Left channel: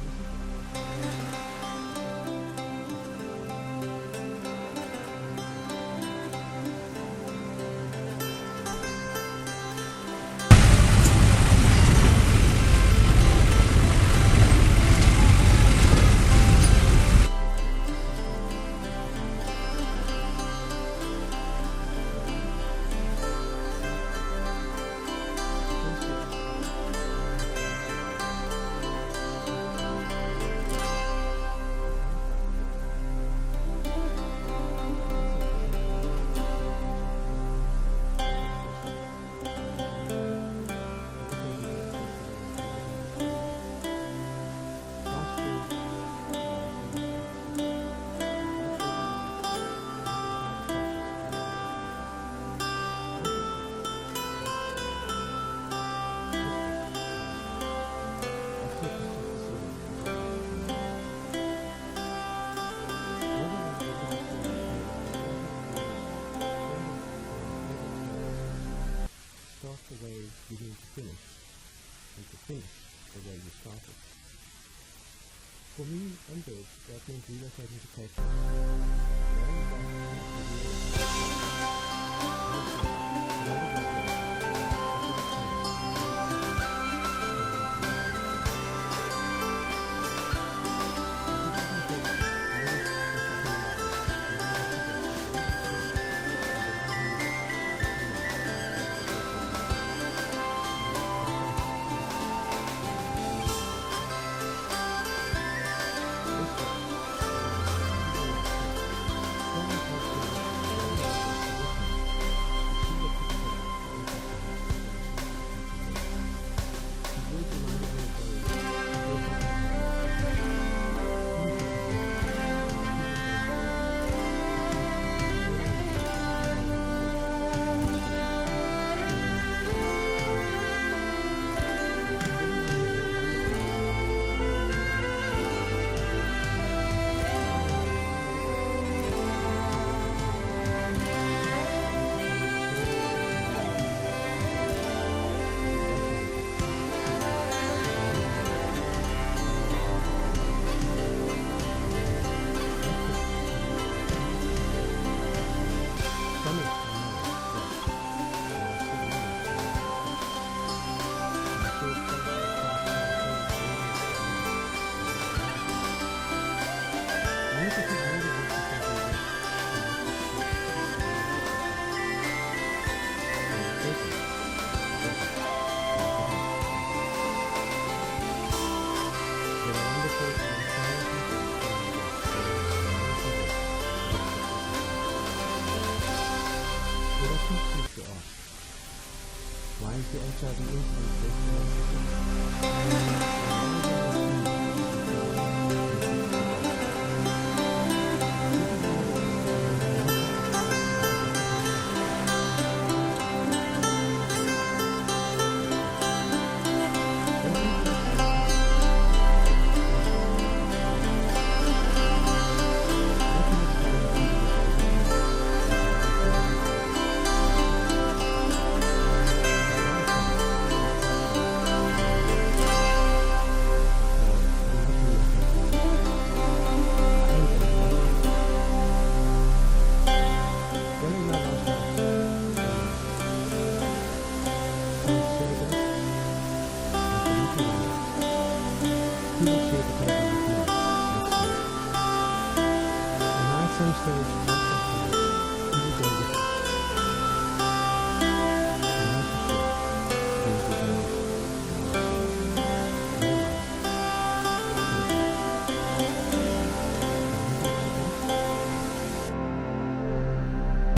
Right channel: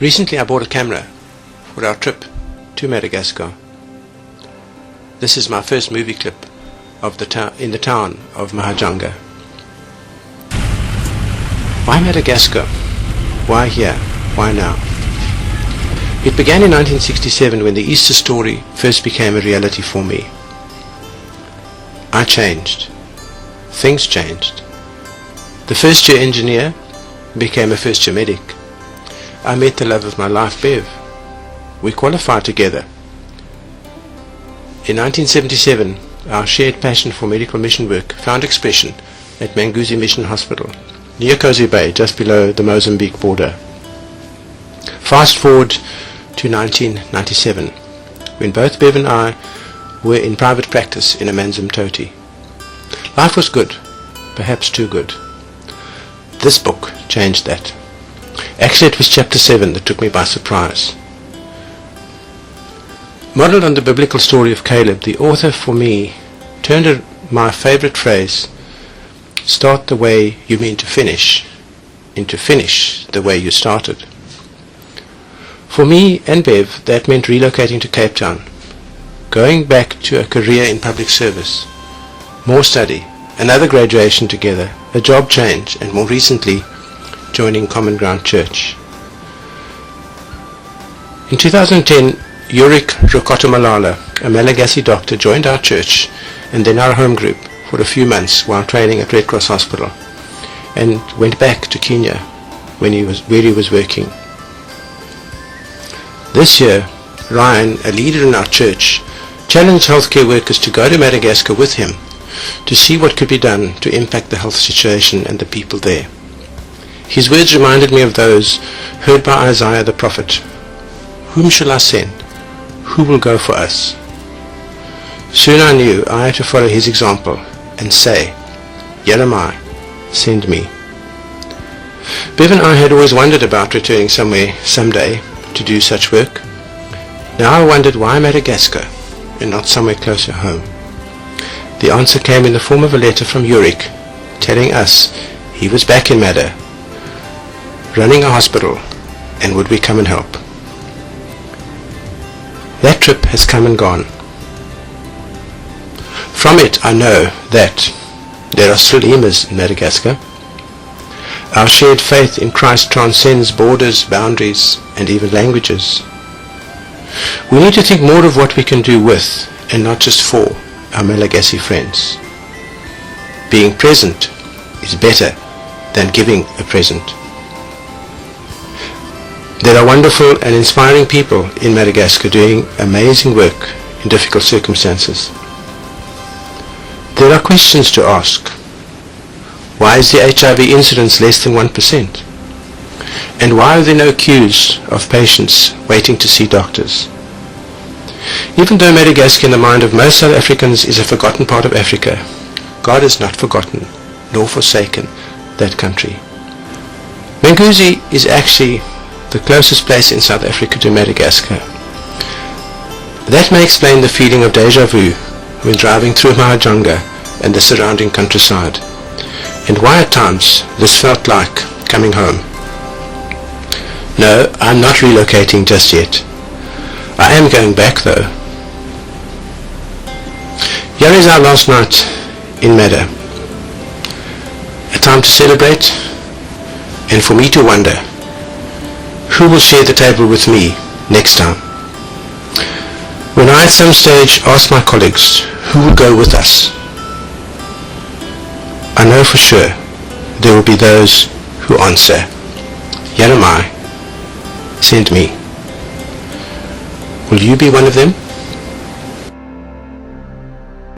Recently I bought a camera for our trip to Madagascar. This is my first movie clip of in the town of Mahajanga. Why Madagascar? Why here? Why now? It began in 1967 when the Easter story first became a reality for me. I changed. Things changed. The first year engineer became a first year medic. I met the love of my life, Bev. We qualified together. In 1977, our shared passion for medical mission work found expression at Madagascar Mission Hospital, near Cozy Bay, just below the Mozambique border. Fast forward to 1997, when both Bev and I were in private practice in Amanzimtoti. Life was good, perhaps too good. This book changed that. Actually, it was chapter 7 that took me by surprise. Modeled on the biblical story of Caleb, the author for me turned my favorite phrase, "Start the way you mean to finish," into "finish the way you started." For me and Bev, that meant relocating to Cape Town, going back to a career in public service, more study, another graduation together, a job change, and more recently, joining Common Ground Church. In 2010, Yurik Rukotomalala, a Malagasy doctor, joined our church and then our home group for a few months while training at Red Cross Hospital, and went back to Kenya where he was working. This year, Ryan, a leader in our church, challenged healthcare workers to go to Madagascar with him to see what could be done to impact the health situation and the people there. His words reminded me of those heard by Isaiah the prophet. "Whom shall I send? Who will go for us?" Soon I knew I had to follow his example and say, "Here am I, send me." Bev and I had always wondered about returning somewhere someday to do such work. Now I wondered why Madagascar and not somewhere closer home. The answer came in the form of a letter from Yurik telling us he was back in Mada, running a hospital, and would we come and help. That trip has come and gone. From it I know that there are still emas in Madagascar. Our shared faith in Christ transcends borders, boundaries, and even languages. We need to think more of what we can do with, and not just for, our Malagasy friends. Being present is better than giving a present. There are wonderful and inspiring people in Madagascar doing amazing work in difficult circumstances. There are questions to ask. Why is the HIV incidence less than 1%? And why are there no queues of patients waiting to see doctors? Even though Madagascar in the mind of most South Africans is a forgotten part of Africa, God has not forgotten nor forsaken that country. Madagascar is actually the closest place in South Africa to Madagascar. That may explain the feeling of deja vu when driving through Mahajanga and the surrounding countryside, and why at times this felt like coming home. No, I'm not relocating just yet. I am going back though. Here is our last night in Mada. A time to celebrate and for me to wonder, who will share the table with me next time? When I at some stage ask my colleagues who will go with us, I know for sure there will be those who answer, "Here am I, send me." Will you be one of them?